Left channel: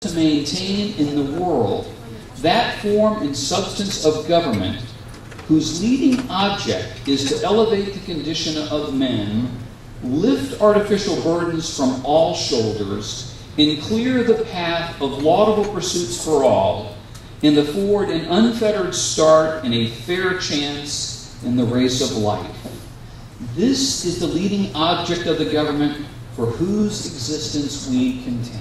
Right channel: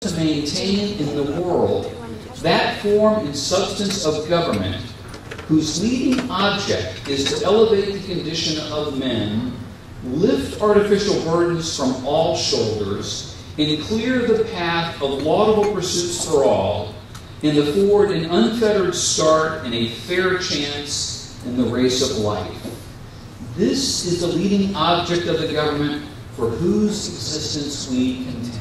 to maintain in the world that form and substance of government whose leading object is to elevate the condition of men, lift artificial burdens from all shoulders, and clear the path of laudable pursuits for all, and afford an unfettered start and a fair chance in the race of life. This is the leading object of the government for whose existence we contend.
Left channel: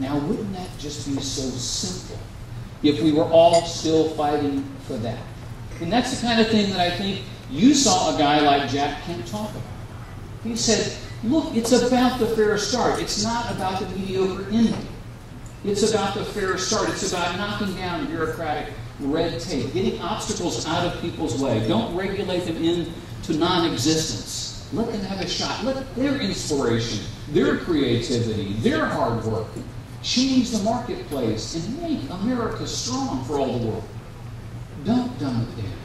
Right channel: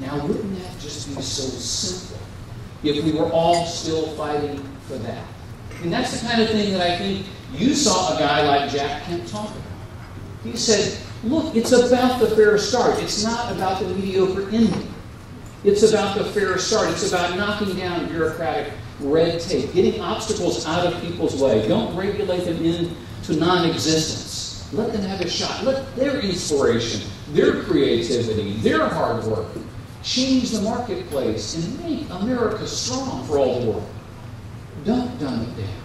Now, wouldn't that just be so simple if we were all still fighting for that? And that's the kind of thing that I think you saw a guy like Jack Kemp talk about. He said, look, it's about the fair start. It's not about the mediocre ending. It's about the fair start. It's about knocking down bureaucratic red tape, getting obstacles out of people's way. Don't regulate them into non-existence. Let them have a shot. Let their inspiration, their creativity, their hard work change the marketplace and make America strong for all the world. Don't dumb it down.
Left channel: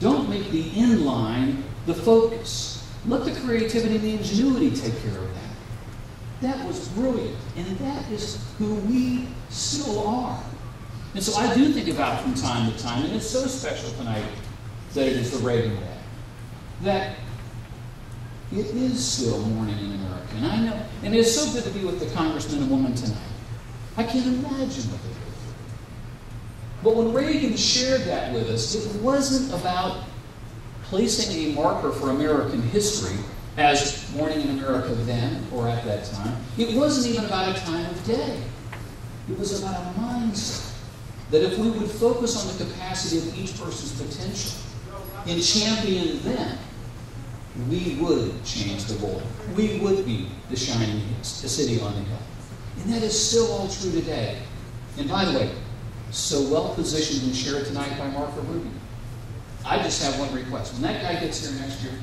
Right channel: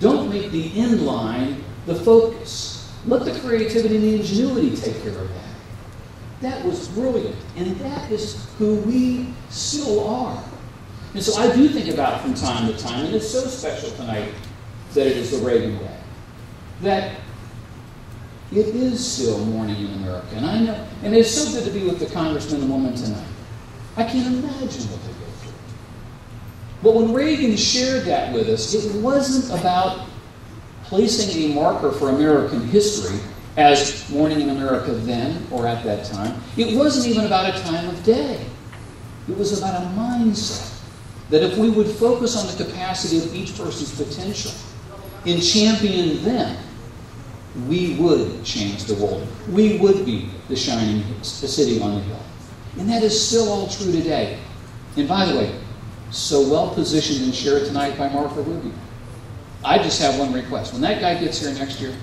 Don't make the end line the focus. Let the creativity and the ingenuity take care of that. That was brilliant, and that is who we still are. And so I do think about from time to time, and it's so special tonight that it is the Reagan Day, that it is still morning in America. And I know, and it's so good to be with the congressman and woman tonight. I can't imagine what they go through. But when Reagan shared that with us, it wasn't about placing a marker for American history as morning in America then or at that time. It wasn't even about a time of day. It was about a mindset that if we would focus on the capacity of each person's potential and champion them, we would change the world. We would be the shining the city on the hill. And that is still all true today. And by the way, so well positioned and shared tonight by Martha Rubio. I just have one request. When that guy gets here next year,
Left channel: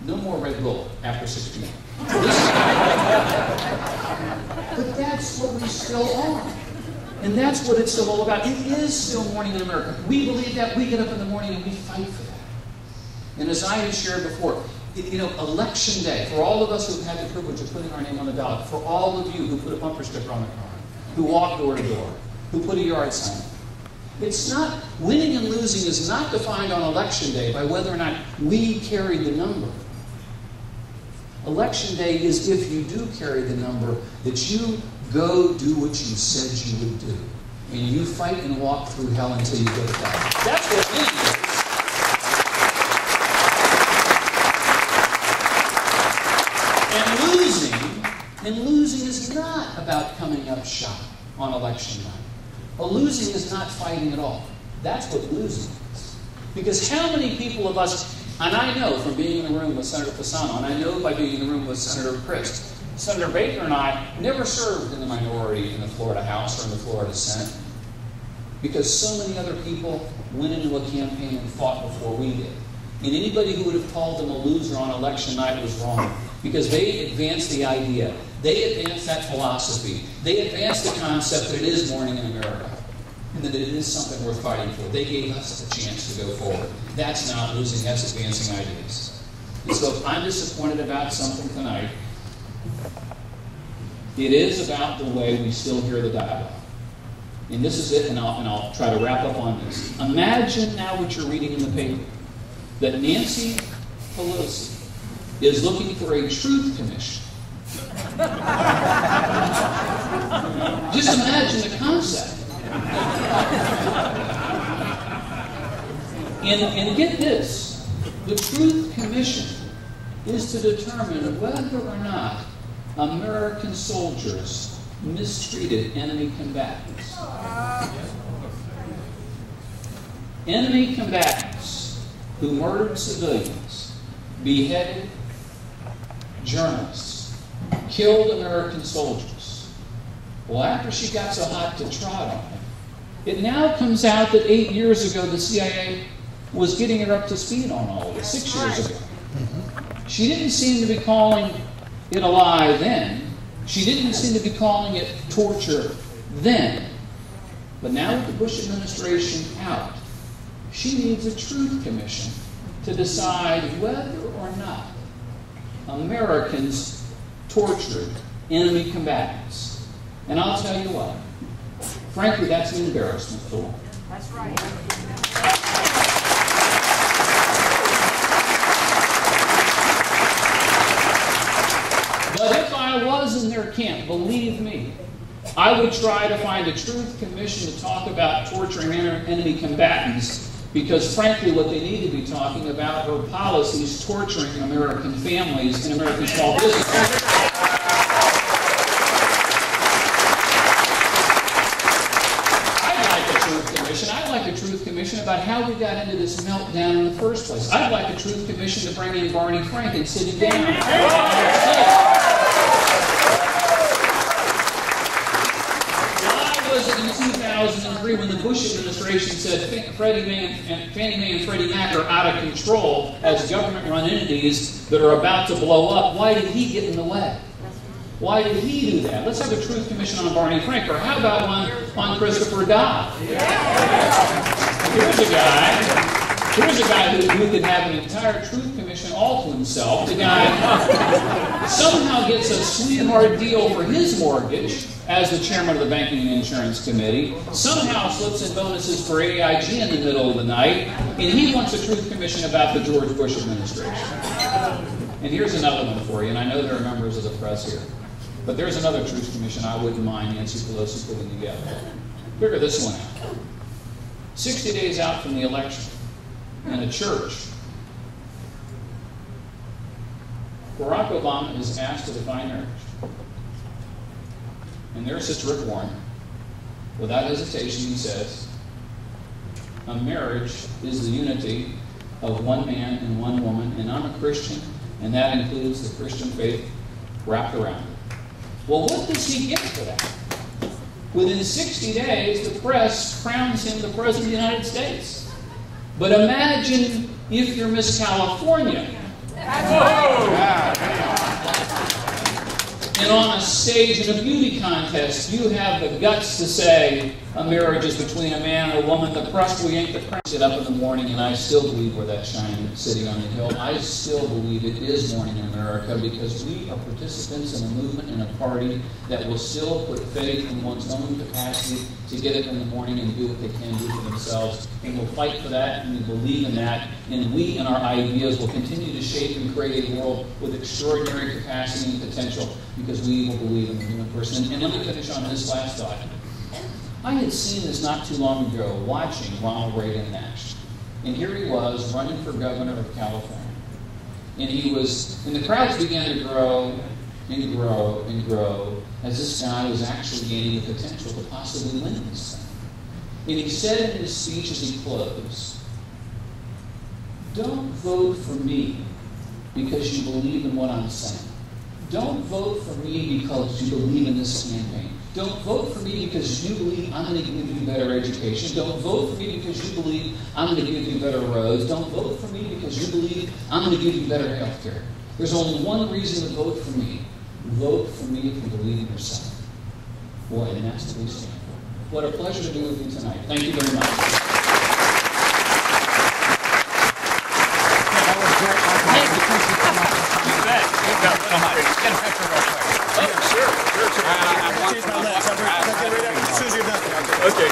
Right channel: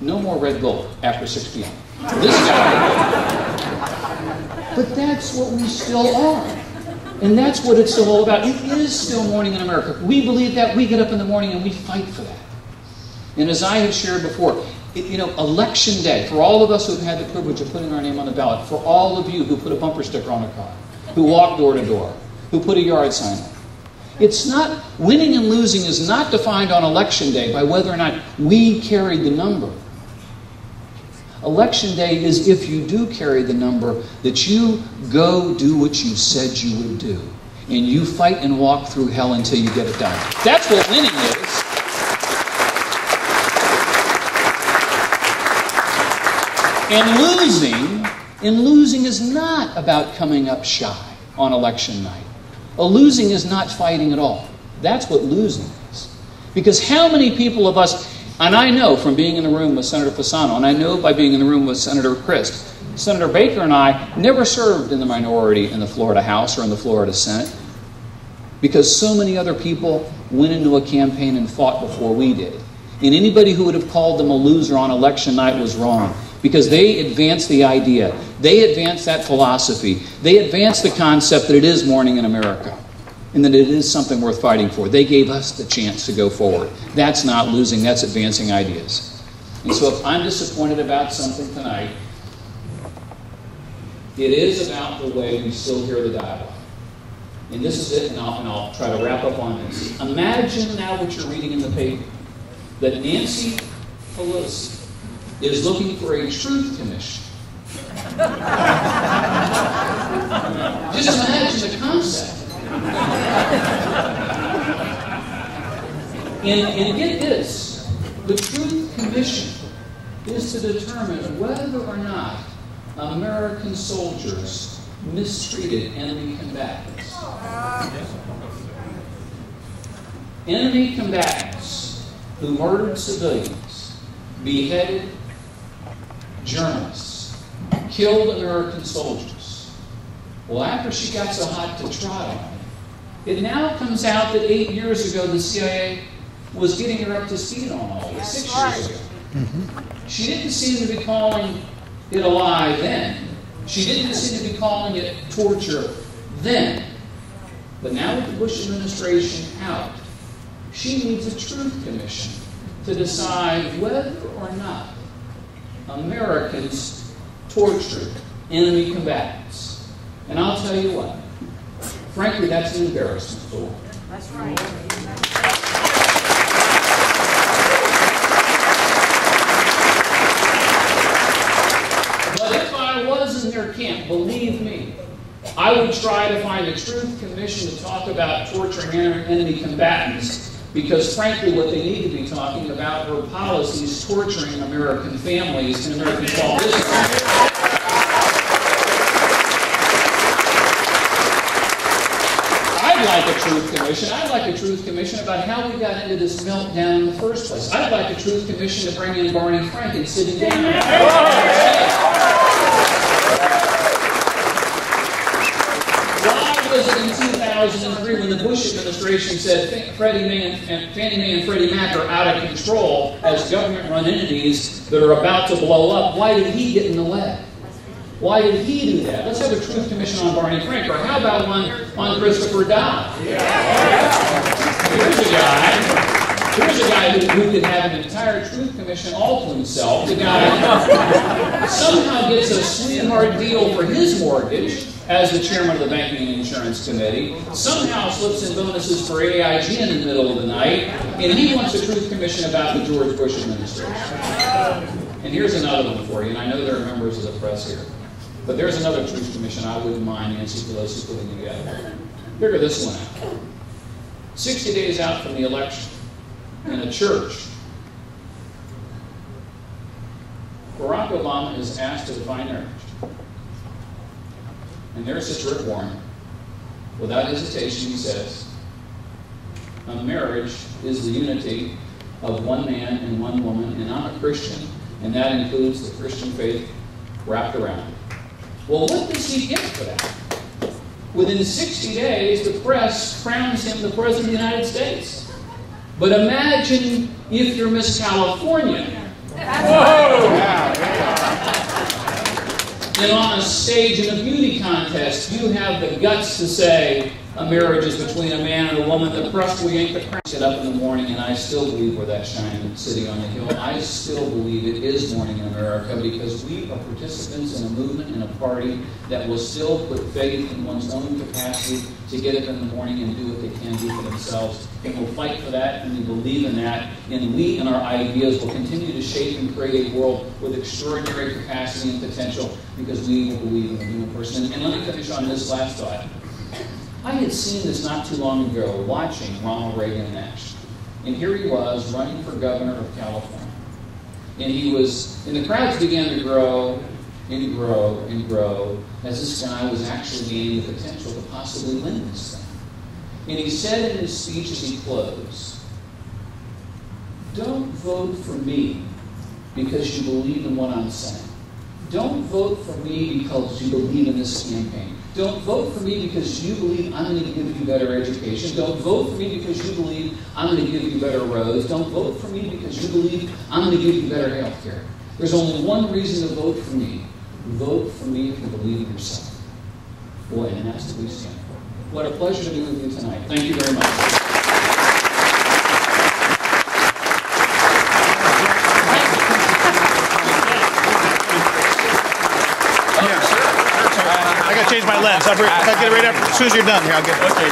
no more Red Bull after 6 p.m. But that's what we still are. And that's what it's still all about. It is still morning in America. We believe that. We get up in the morning and we fight for that. And as I had shared before, Election Day, for all of us who've had the privilege of putting our name on the ballot, for all of you who put a bumper sticker on a car, who walk door to door, who put a yard sign up, it's not, winning and losing is not defined on Election Day by whether or not we carry the number. Election Day is if you do carry the number, that you go do what you said you would do. And you fight and walk through hell until you get it done. That's what winning is. And losing is not about coming up shy on election night. Losing is not fighting at all. That's what losing is. Because how many people of us, and I know from being in the room with Senator Fasano, and I know by being in the room with Senator Crist, Senator Baker and I never served in the minority in the Florida House or in the Florida Senate because so many other people went into a campaign and fought before we did. And anybody who would have called them a loser on election night was wrong. Because they advanced the idea. They advanced that philosophy. They advanced the concept that it is morning in America and that it is something worth fighting for. They gave us the chance to go forward. That's not losing. That's advancing ideas. And so if I'm disappointed about something tonight, it is about the way we still hear the dialogue. And this is it, and I'll try to wrap up on this. Imagine now what you're reading in the paper, that Nancy Pelosi is looking for a truth commission. Just imagine the concept. And get this, the truth commission is to determine whether or not American soldiers mistreated enemy combatants. Enemy combatants who murdered civilians, beheaded journalists, killed American soldiers. Well, after she got so hot to trot on, it now comes out that 8 years ago the CIA was getting her up to speed on all this, 6 years ago. She didn't seem to be calling it a lie then. She didn't seem to be calling it torture then. But now with the Bush administration out, she needs a truth commission to decide whether or not Americans tortured enemy combatants. And I'll tell you what, frankly, that's an embarrassment for them. That's right. But if I was in their camp, believe me, I would try to find a truth commission to talk about torturing enemy combatants, because frankly what they need to be talking about are policies torturing American families and American small businesses. I'd like a truth commission about how we got into this meltdown in the first place. I'd like a truth commission to bring in Barney Frank and sitting down. Why was it in 2003 when the Bush administration said Fannie Mae and Freddie Mac are out of control as government-run entities that are about to blow up, why did he get in the way? Why did he do that? Let's have a truth commission on Barney Frank, or how about one on Christopher Dodd? Here's a guy who could have an entire truth commission all to himself. The guy somehow gets a sweetheart deal for his mortgage as the chairman of the Banking and Insurance Committee, somehow slips in bonuses for AIG in the middle of the night, and he wants a truth commission about the George Bush administration. And here's another one for you, and I know there are members of the press here. But there's another truth commission I wouldn't mind Nancy Pelosi putting together. Figure this one out. 60 days out from the election, in a church, Barack Obama is asked to define marriage. And there's this Rick Warren. Without hesitation, he says, a marriage is the unity of one man and one woman, and I'm a Christian, and that includes the Christian faith wrapped around it. Well, what does he get for that? Within 60 days, the press crowns him the President of the United States. But imagine if you're Miss California. And on a stage in a beauty contest, you have the guts to say a marriage is between a man and a woman. The press will yank the crown. Get up in the morning, and I still believe we're that shining city on the hill. I still believe it is morning in America, because we are participants in a movement, in a party that will still put faith in one's own capacity to get up in the morning and do what they can do for themselves. And we'll fight for that, and we believe in that. And we and our ideas will continue to shape and create a world with extraordinary capacity and potential, because we will believe in the human person. And let me finish on this last thought. I had seen this not too long ago, watching Ronald Reagan in action. And here he was, running for governor of California. And the crowds began to grow and grow and grow, as this guy was actually gaining the potential to possibly win this thing. And he said in his speech as he closed, don't vote for me because you believe in what I'm saying. Don't vote for me because you believe in this campaign. Don't vote for me because you believe I'm going to give you better education. Don't vote for me because you believe I'm going to give you better roads. Don't vote for me because you believe I'm going to give you better health care. There's only one reason to vote for me. Vote for me if you believe in yourself. Boy, and that's what we stand for. What a pleasure to be with you tonight. Thank you very much. I got to change my lens. I'll get right after. As soon as you're done here, I'll get. Okay.